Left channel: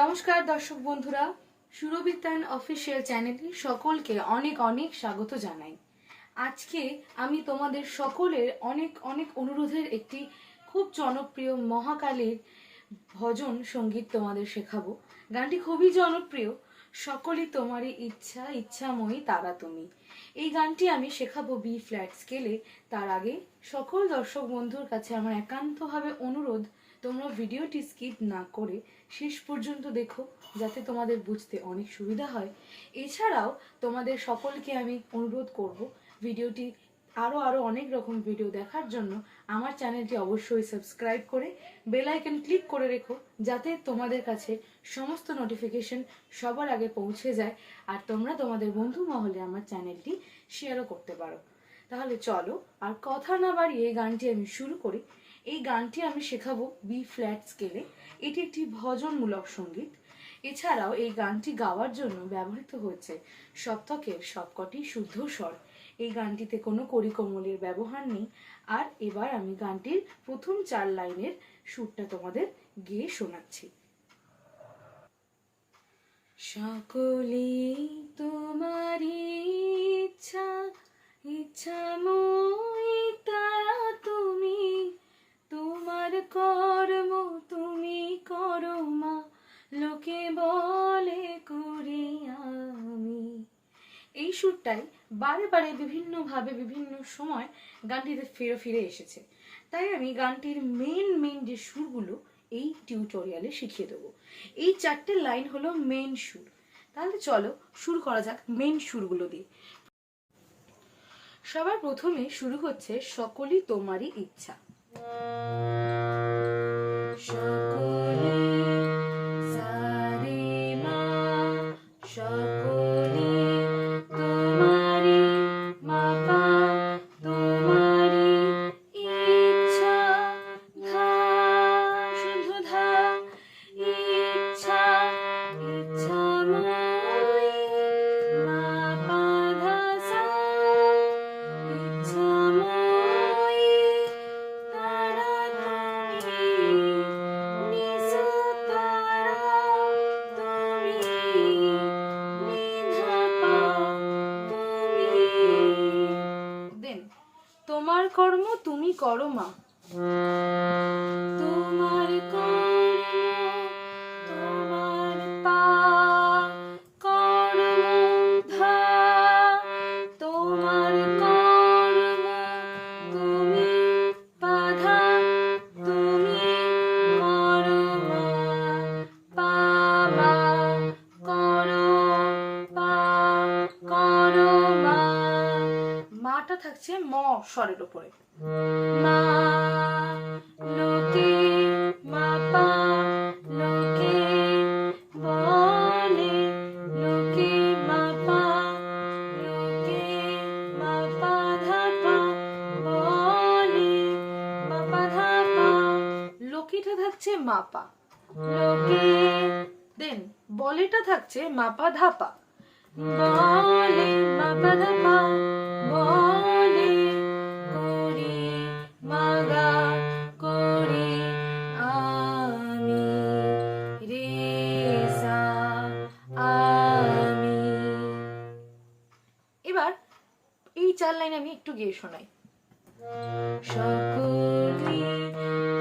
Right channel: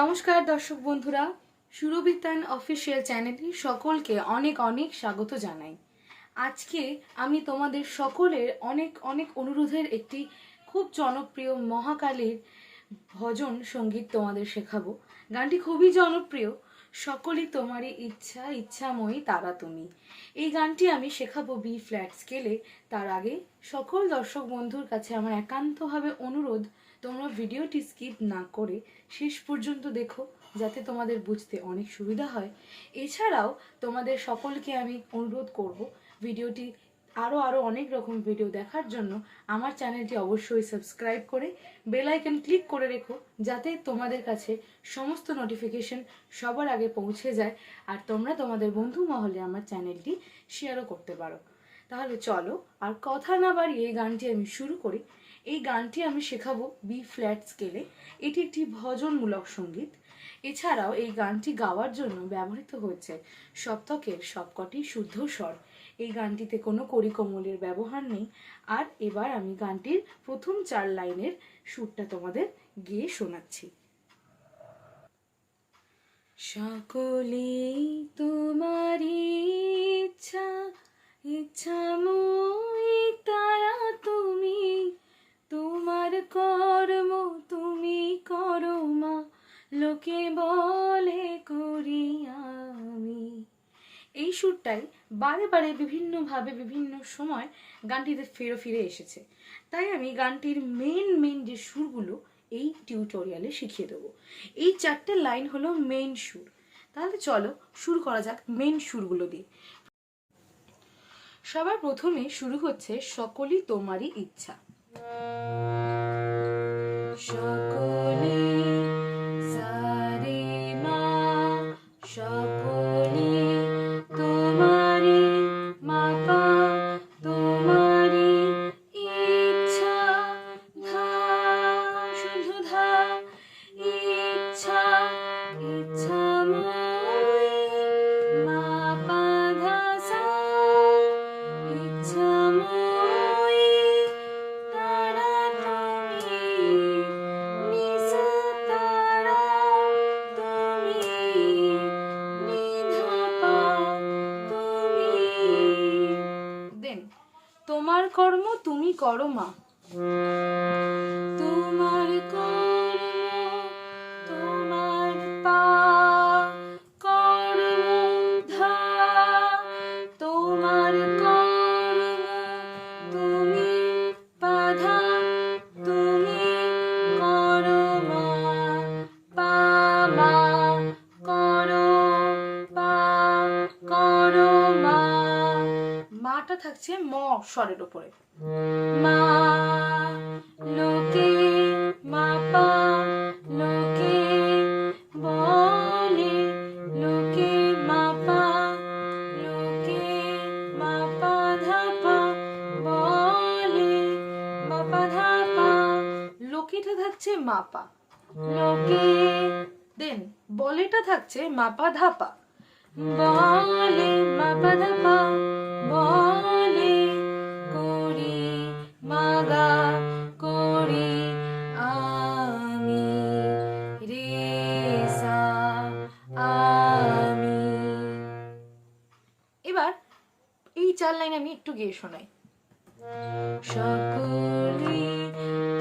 নমস্কার দর্শক বন্ধুরা, সুরবিতান অফিসিয়াল চ্যানেলে সকলকে অনেক অনেক স্বাগত জানাই। আজকে আমি তোমাদের সকলের অনেক অনেক অনুরোধের একটি খুব জনপ্রিয় মহাকালীর ভজন সঙ্গীত তোমাদের শেখাবো। গানটি খুবই জনপ্রিয়, সকলি তোমারি ইচ্ছা ইচ্ছা মই তারা তুমি। এই গানটি আমি শেখাবো বি ফ্ল্যাট স্কেলে। তার আগে সকল দর্শক বন্ধুর কাছে আমার একান্তভাবে অনুরোধ, তোমরা ভিডিওটি স্কিপ না করে শেষ পর্যন্ত দেখো, যাতে তোমাদের বুঝতে অনেক সুবিধা হয়। এছাড়াও তোমাদের সকলকে আমি অনুরোধ করব, ভিডিওটি আরও অনেক রকম ভিডিও দেখার জন্য আমার চ্যানেলটি অবশ্যই সাবস্ক্রাইব করে বেল আইকন ক্লিক করে রেখো, যাতে তোমাদের কাছে সমস্ত নোটিফিকেশন সবার আগে পৌঁছে যায় আর তোমরা তোমাদের বন্ধু মহলে আমার চ্যানেলটি শেয়ারও করতে পারো। তাহলে চলো আর কথা না বাড়িয়ে এই গানটি আমি শুরু করি। এই গানটি আমি শেখাবো বি ফ্ল্যাট স্কেলে। এটি একটি ভজনমূলক সঙ্গীত। এছাড়াও এই গানটি গাওয়ার জন্য ব্যবহৃত হয়েছে সপ্তকের সবকটি শুদ্ধ স্বর। এই গানটিতে কোনো কড়িকমলের ব্যবহার নেই। আর এবার আমি গানটির প্রথম 4 লাইনের সুরটা তোমাদের গেয়ে শোনাচ্ছি। সকলি তোমারি ইচ্ছা ইচ্ছা মই তারা তুমি, তোমার কর্ম তুমি করো মা, লোকে বলে করি আমি। এই সুরটাই বারে বারে বিভিন্নভাবে বিভিন্ন সময় গানটিতে ফিরে এসেছে। তাই আমি গানটির মেন যে সুরগুলো এই টিউটোরিয়ালে শিখিয়ে দেবো। এই 4টে লাইন হলো মেন সুর। তাহলে চলো শুরু করা যাক মেন সুরগুলো দিয়ে। সবার প্রথমে শুরু হচ্ছে সকলি তোমারই ইচ্ছা। সকলি সারে মা, সকলি তোমারি মা পা, তোমারি ইচ্ছা ধা শুদ্ধ ধা, ইচ্ছা ইচ্ছা মই মা পা ধা সা, ইচ্ছা মই তারা তুমি, নিসা তারা তুমি, নিধা পা তুমি। দেন তোমার কর্ম তুমি করো মা, তোমার কর্ম তোমার পা, কর্ম ধা, তোমার কর্ম তুমি বাধা, তুমি করো মা, পা মা করো, পা করো মা। মাটা থাকছে ম স্বরের উপরে। মা লোকে মা পা, লোকে বলে, লোকে মা পা, লোকে মা পা ধা পা বলে, মা পা ধা পা। লোকেটা থাকছে মা পা, লোকে। দেন বলেটা থাকছে মা পা ধা পা, বলে মা পা ধা পা, বলে করি মাগা করি আমি, রে সা আমি। এবার এই 4 লাইন আমি একটু গেয়ে শোনাই। সকলি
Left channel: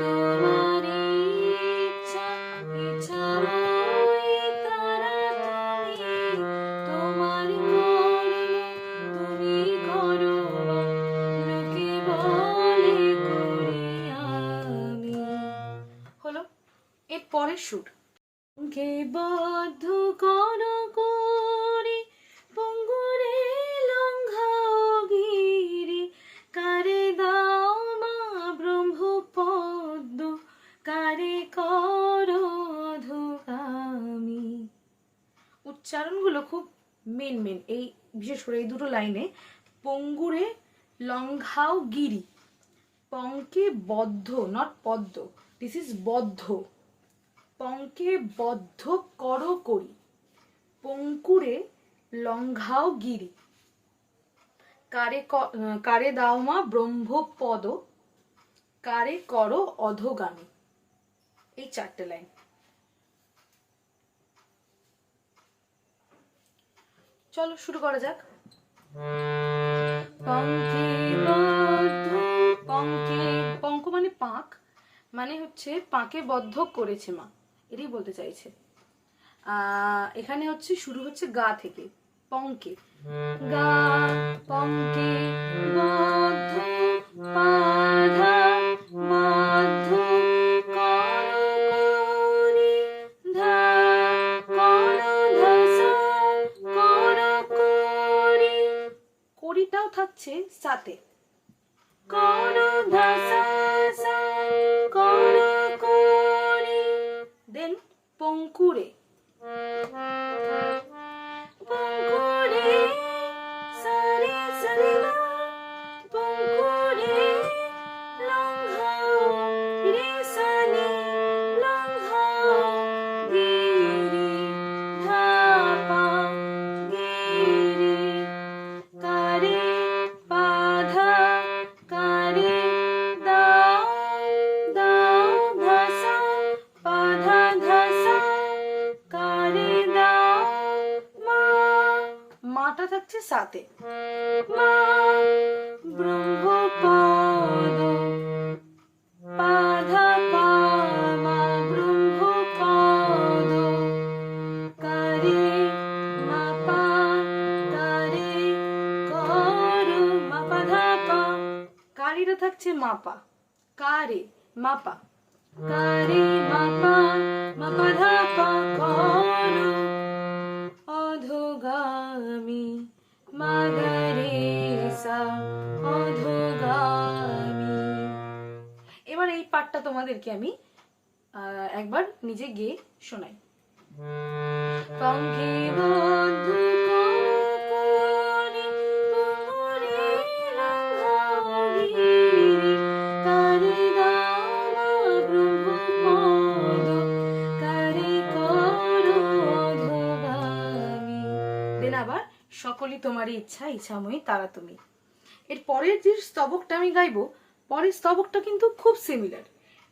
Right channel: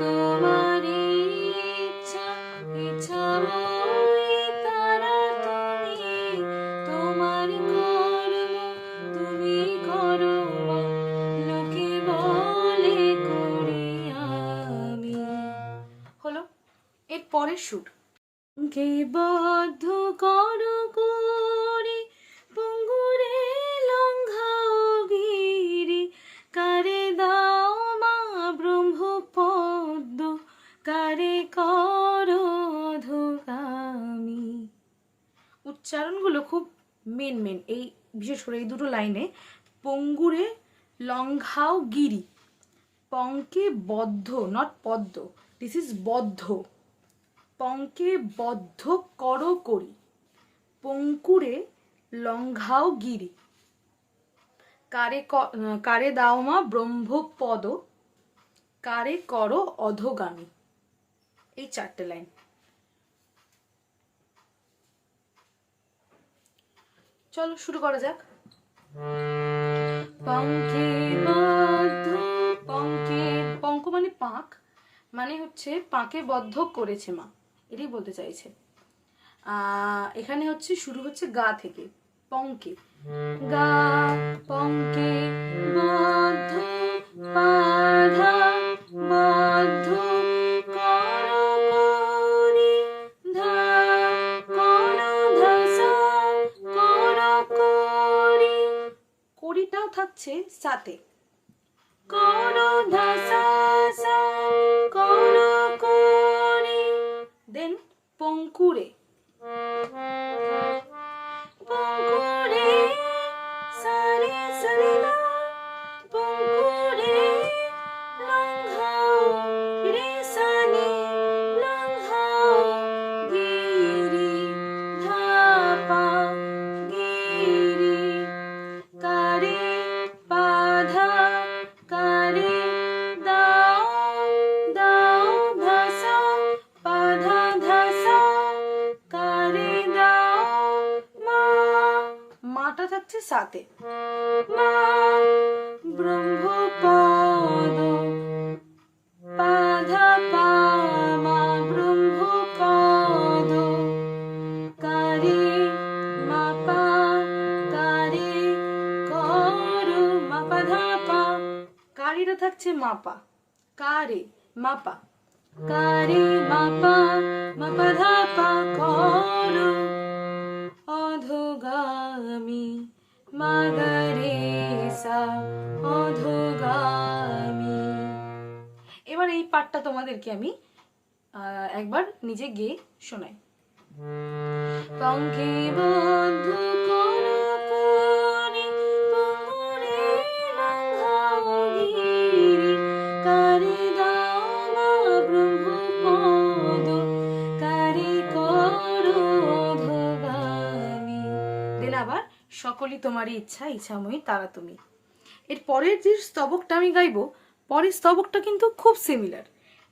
তোমারি ইচ্ছা ইচ্ছা মই তারা তুমি, তোমার কর্ম তুমি করো মা, লোকে বলে করি আমি। হলো এর পরের সুর। কে বদ্ধ করো করি, পঙ্গুরে লঙ্ঘাও গিরি, কারে দাও মা ব্রহ্মপদ্ম, কারে করো অধোগামী। উচ্চারণগুলো খুব মেন এই বিশেষ করে এই দুটো লাইনে। পঙ্গুরে লঙ্ঘাও গিরি, পঙ্কে বদ্ধ, নট পদ্ম, দিস ইজ বদ্ধ। পঙ্কে বদ্ধ করো করি, পঙ্কুরে লঙ্ঘাও গিরি, কারে দাও মা ব্রহ্মপদ, কারে করো অধোগামী। এই 4টে লাইন। চলো শুরু করা যাক। পঙ্কে বদ্ধ, পঙ্কে, পঙ্ক মানে পাঁক, মানে হচ্ছে পাঁকে বদ্ধ করেছে মা, এটাই বলতে চাইছে। এখানে হচ্ছে শুরু হচ্ছে গা থেকে, পঙ্কে, গা, পঙ্কে বদ্ধ, পাধা বদ্ধ, করকরি, ধা, করধসা, করকরি, করিটাও থাকছে সাথে, করধসা সা, করকরি, দেন পঙ্কুরে, পঙ্কুরে সারে সারে না, পঙ্কুরে লঙ্ঘাও রে সানে, লঙ্ঘাও গিরি, ধাপা গিরি, কারে পাধা, কারে দাও, দাও ধসা, পাধা ধসা, কারে দাও মা, মাটা থাকছে সাথে, মা ব্রহ্মপদ, পাধা পামা ব্রহ্মপদ, কারে মাপা, কারে করো মাপা ধাপা, কারিটা থাকছে মাপা, কারে মাপা, কারে মাপা, মাপা ধাপা করো, অধোগামী মাগরে সা, অধোগামী। এবার এই পাঠটা তোমাদেরকে আমি একবার নিজে গেয়ে শোনাই। পঙ্কে বদ্ধ করকরি, পঙ্কুরে লঙ্ঘাও গিরি, কারে দাও মা ব্রহ্মপদ, কারে করো অধোগামী। দেন আবার সকলি তোমারই ইচ্ছা, ইচ্ছাময়ী তারা তুমি। এর পরের যে স্তবকটা আমি গাইবো, পরের স্তবকটা কিন্তু খুব সিমিলার।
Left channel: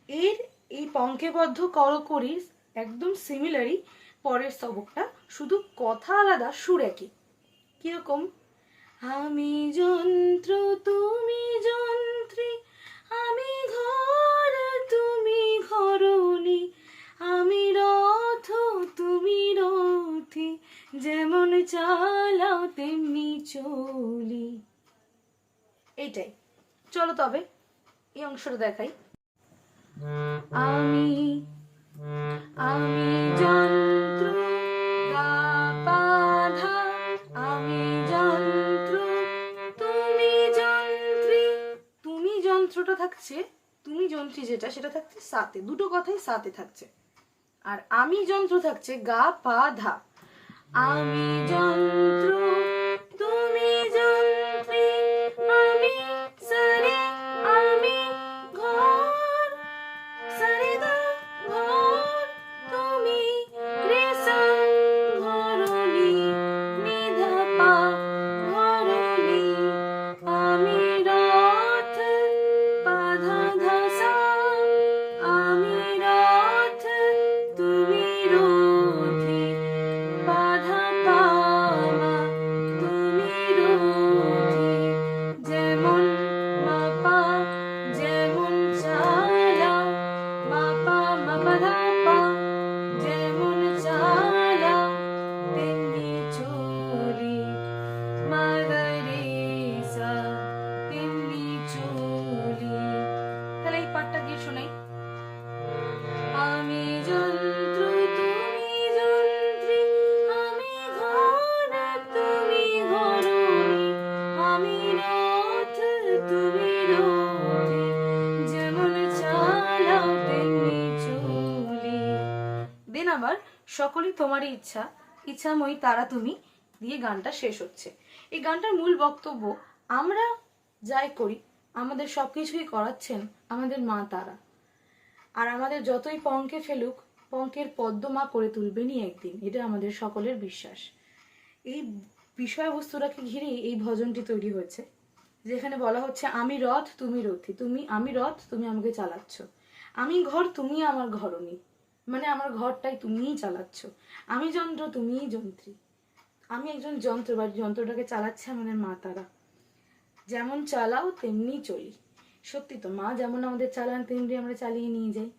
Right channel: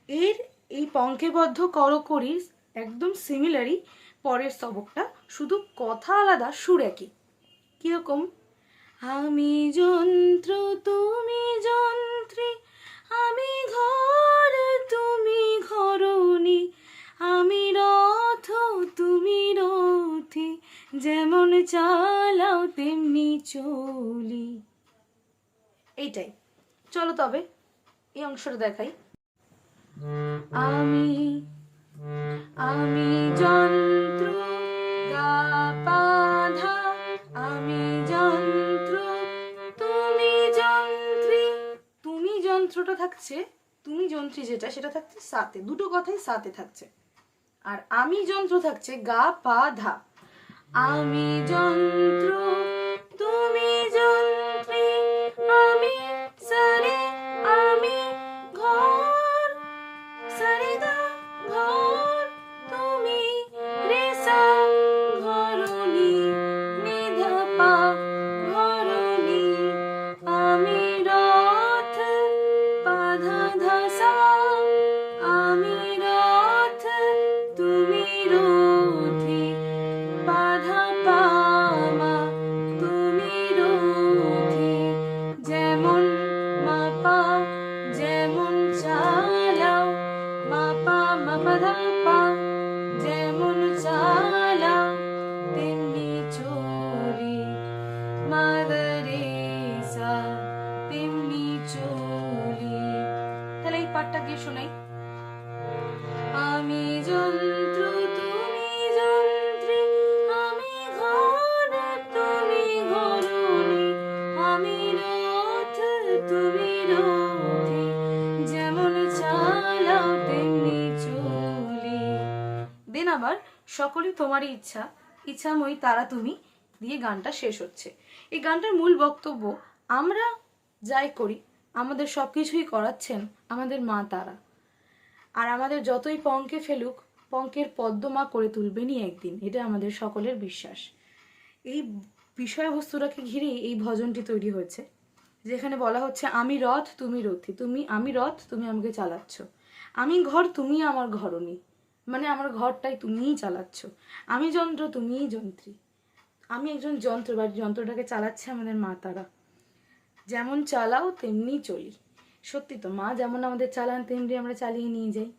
এর এই পঙ্কেবদ্ধ করকরির একদম সিমিলারই পরের স্তবকটা, শুধু কথা আলাদা, সুর একই। কিরকম? আমি যন্ত্র তুমি যন্ত্রী, আমি ঘর তুমি ঘরণী, আমি রথ তুমি রথী, যেমন চালাও তেমনি চলি। এইটাই। চলো তবে এই অংশটা দেখাই। আমি, আমি যন্ত্র, গা পা ধা, আমি যন্ত্র তুমি যন্ত্রী, তুমি যন্ত্রটা থাকছে, তুমি যন্ত্রী যেটা সেটা থাকছে সাথে, দুটো কথাই সাথে থাকছে। আর আমি যন্ত্র থাকছে গা পা ধা, আমি যন্ত্র তুমি যন্ত্রী, আমি সারে, আমি ঘর, সারে গা ঘর, তুমি রে সা ঘরণী, নি ধা পা ঘরণী, আমি রথ, পাধা ধসা, আমি রথ তুমি রথী, পাধা পামা তুমি রথী, যেমন মাপা, যেমন চালাও, মাপা মাপা ধাপা, যেমন চালাও তেমনি চলি, মাগরে সা তেমনি চলি। তাহলে এই পাঠটা কি শোনাই। আমি যন্ত্র তুমি যন্ত্রী, আমি ঘর তুমি ঘরণী, আমি রথ তুমি রথী, যেমন চালাও তেমনি চলি। দেন আবার সকলই তোমারই ইচ্ছা, ইচ্ছাময়ী তারা তুমি দিয়ে গানটা শেষ হচ্ছে। এই গানটার মূল বক্তব্য, আমরা যাই করি আমাদের সবকিছুই করাচ্ছেন আমাদের মা তারা। আর আমাদের যতই পঙ্কে ফেলুক, পঙ্কের পদ্ম মা করে তুলবেনই একদিন, এটা আমাদের সকলের বিশ্বাস। এই বিষয়বস্তুটাকে ঘিরেই এই ভজনটি তৈরি হয়েছে, যেখানে বলা হচ্ছে আমি রথ তুমি রথী, তুমি, আমি রথ তুমি আমাকে চালাচ্ছ, আমি ঘর তুমি আমার ঘরণী, মানে আমার ঘরটাই তুমিই চালাচ্ছ, আমি যন্ত্র তুমিই যন্ত্রী, আমি একজন যন্ত্র, বা যন্ত্রটাকে চালাচ্ছে আমাদের মা তারা। যেমন চালাও তেমনি চলি। সত্যি তো, মা যেমন আমাদের চালান তেমনি আমরা চালিয়ে নিয়ে যাই।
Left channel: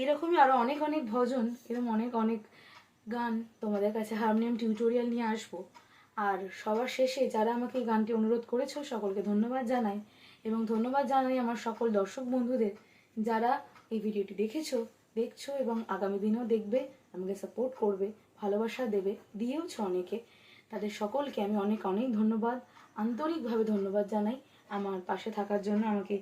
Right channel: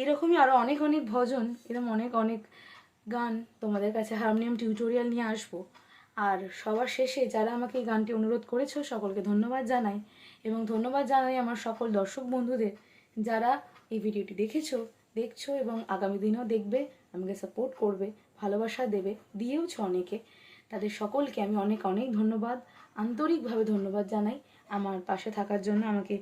এরকমই আরও অনেক অনেক ভজন, এরকম অনেক অনেক গান তোমাদের কাছে হারমোনিয়াম টিউটোরিয়াল নিয়ে আসবো। আর সবার শেষে যারা আমাকে এই গানটি অনুরোধ করেছো সকলকে ধন্যবাদ জানাই, এবং ধন্যবাদ জানাই আমার সকল দর্শক বন্ধুদের যারা এই ভিডিওটি দেখছো এবং আগামী দিনেও দেখবে, আমাকে সাপোর্ট করবে, ভালোবাসা দেবে, দিয়েওছো অনেকে। তাদের সকলকে আমি অনেক অনেক ধন্যবাদ, আন্তরিকভাবে ধন্যবাদ জানাই আমার পাশে থাকার জন্য, আমাকে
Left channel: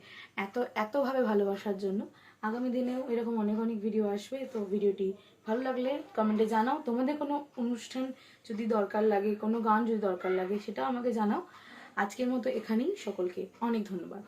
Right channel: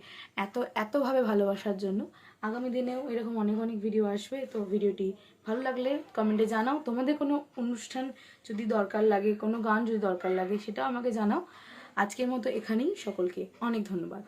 এতভাবে ভালোবাসার জন্য। আগামী দিনেও এরকম অনেক অনেক ভিডিও আসবে। তো ভিডিওটি ভালো লাগলে কমেন্টে জানাও। তোমাদের কোনো অনুষ্ঠান যদি দরকার লাগে, কোনো গান যদি দরকার লাগে, সেটাও আমাকে জানাও। আজকের মতো এখানেই, সকলকে অনেক ধন্যবাদ।